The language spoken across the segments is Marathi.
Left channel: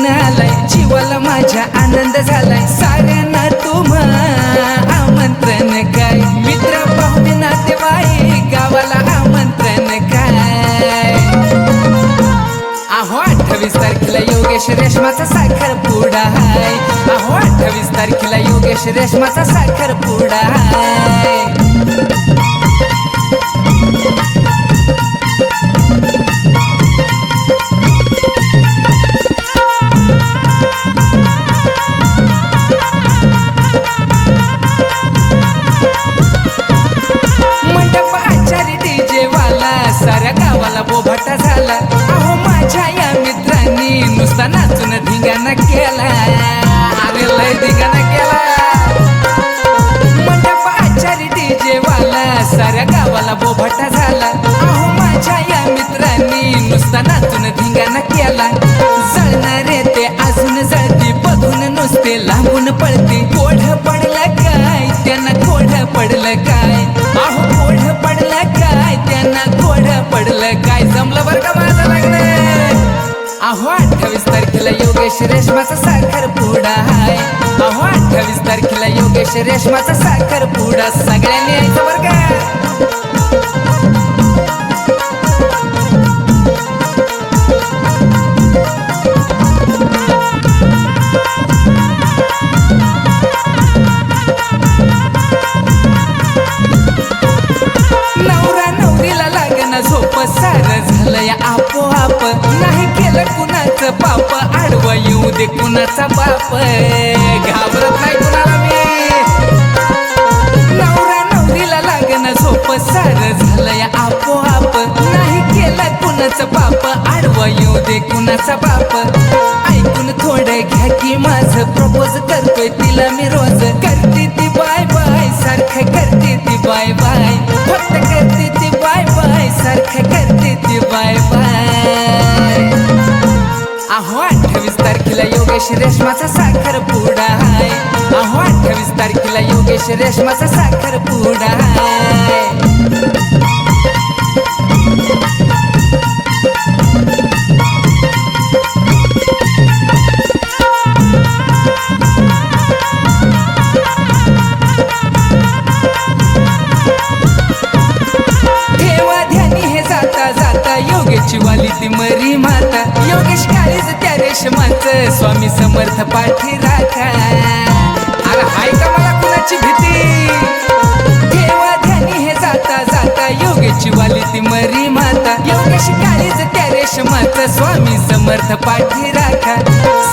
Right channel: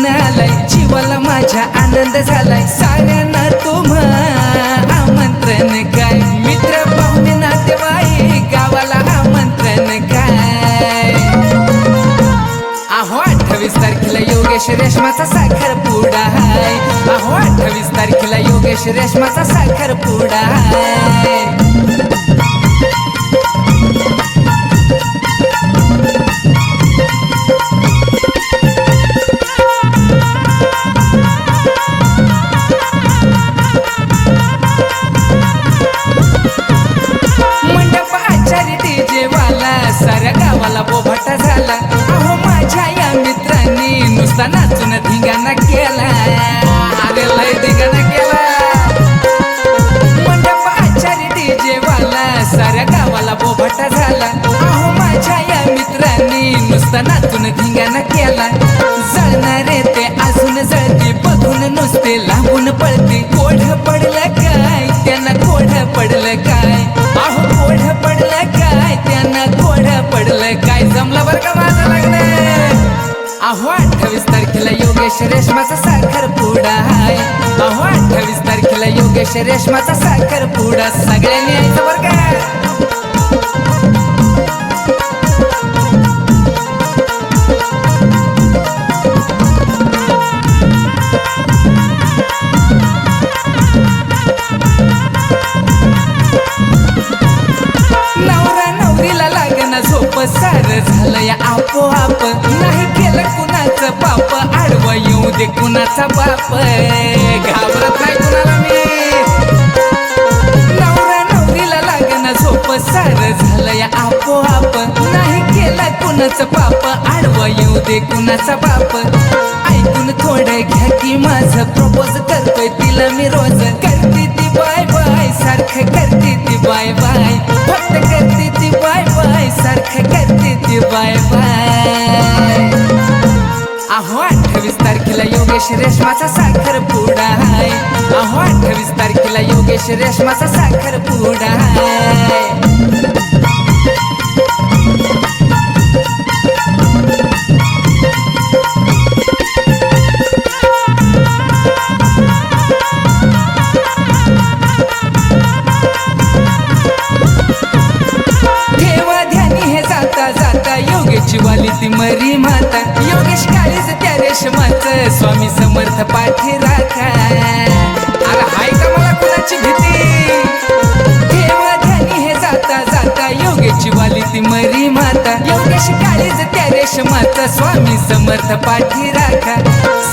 जुळून आलाय, जीवाला माझ्या आनंद झालाय, साऱ्यांना तुम्हा आमंत्रण काय, मित्र पाहुणे नातेवाईक गावाला आमंत्रण काय. अहो 28 तारखेला योगेश रेशमाचा साखरपुडा हाय, अहो 28 तारखेला योगेश रेशमाचा साखरपुडा हाय. मंडप आचारी डीजे वाला साऱ्या गावाला बोभाटा झाला, अहो माझ्या या मित्रांनी नुसता नाचून धिंगाणा केला, अरे लय धिंगाणा केला. मंडप आचारी डीजे वाला साऱ्या गावाला बोभाटा झाला, अहो माझ्या या मित्रांनी नुसता नाचून धिंगाणा केला. जळणारे ते अजून जळती, बघून नुसते लांबून पळती, कोढ पडलं काय त्यांना, कोढ पडलं काय, अहो कोढ पडलं काय त्यांना, कोढ पडलं काय. जमलं बरं का माझं लग्न. अहो 28 तारखेला योगेश रेशमाचा साखरपुडा हाय, अहो 28 तारखेला योगेश रेशमाचा साखरपुडा, सगळ्यांनी यायचं बरं का. नवरा नवरीला लागण झोप, सार झालं या आपोआप, नाही केलं कुणाचं पाप, आडवं येऊ दे कुणाचा बाप, घाबरत नाही कुणाला मी. नवरा नवरीला लागण झोप, सार झालं या आपोआप, नाही केलं कुणाचं पाप, आडवं येऊ दे कुणाचा बाप. ऐकून थोडं घ्या की माझं प्रपोज करतोय तिला मी रोज, करते ती बाय बाय सारखं, करते ती बाय बाय, फक्त करते ती बाय बाय सारखं, करते ती बाय बाय. अहो 28 तारखेला योगेश रेशमाचा साखरपुडा हाय, अहो 28 तारखेला योगेश रेशमाचा साखरपुडा हाय. जाता जाता योगेशची वाली ती मरी माता, योगेश काळीज त्या रेशमाचं, स्वामी समर्थ पाठी राखा. अरे हाय का मला कुणाची भीती, ठेवा ध्यानी हे जाता जाता योगेशची वाली ती मरी माता, योगेश काळीज त्या रेशमाचं, स्वामी समर्थ पाठी राखा.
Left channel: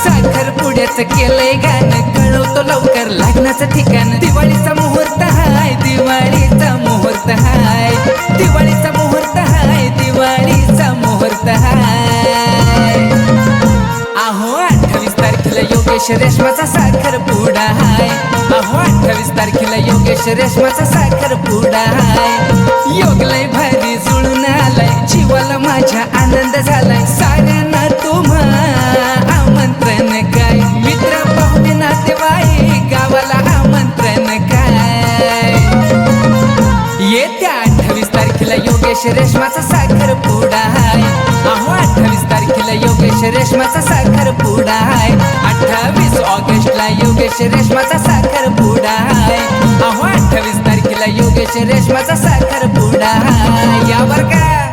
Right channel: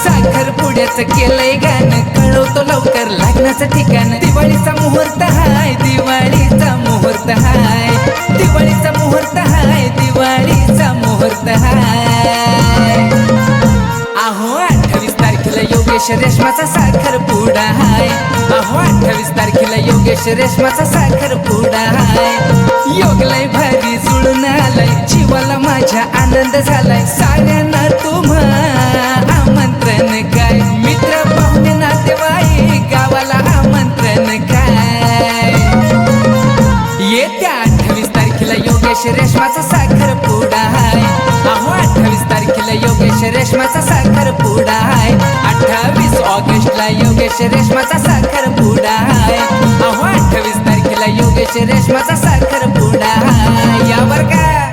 साखरपुड्याचं केलंय गाणं, कळवतो लवकर लग्नाचं ठिकाण, दिवाळीचा मुहूर्त हाय, दिवाळीचा मुहूर्त हाय, दिवाळीचा मुहूर्त हाय, दिवाळीचा मुहूर्त हाय. अहो 28 तारखेला योगेश रेशमाचा साखरपुडा हाय, अहो 28 तारखेला योगेश रेशमाचा साखरपुडा हाय. योग लय भारी जुळून आलाय, जीवाला माझ्या आनंद झालाय, साऱ्यांना तुम्हा आमंत्रण काय, मित्र पाहुणे नातेवाईक गावाला आमंत्रण काय. येत्या 28 तारखेला योगेश रेशमाचा साखरपुडा हाय, अहो 28 तारखेला योगेश रेशमाचा साखरपुडा हाय. 28 ऑगस्टला योगेश रेशमाचा साखरपुडा हाय, अहो 28 तारखेला योगेश रेशमाचा साखरपुडा हाय. या बरं का.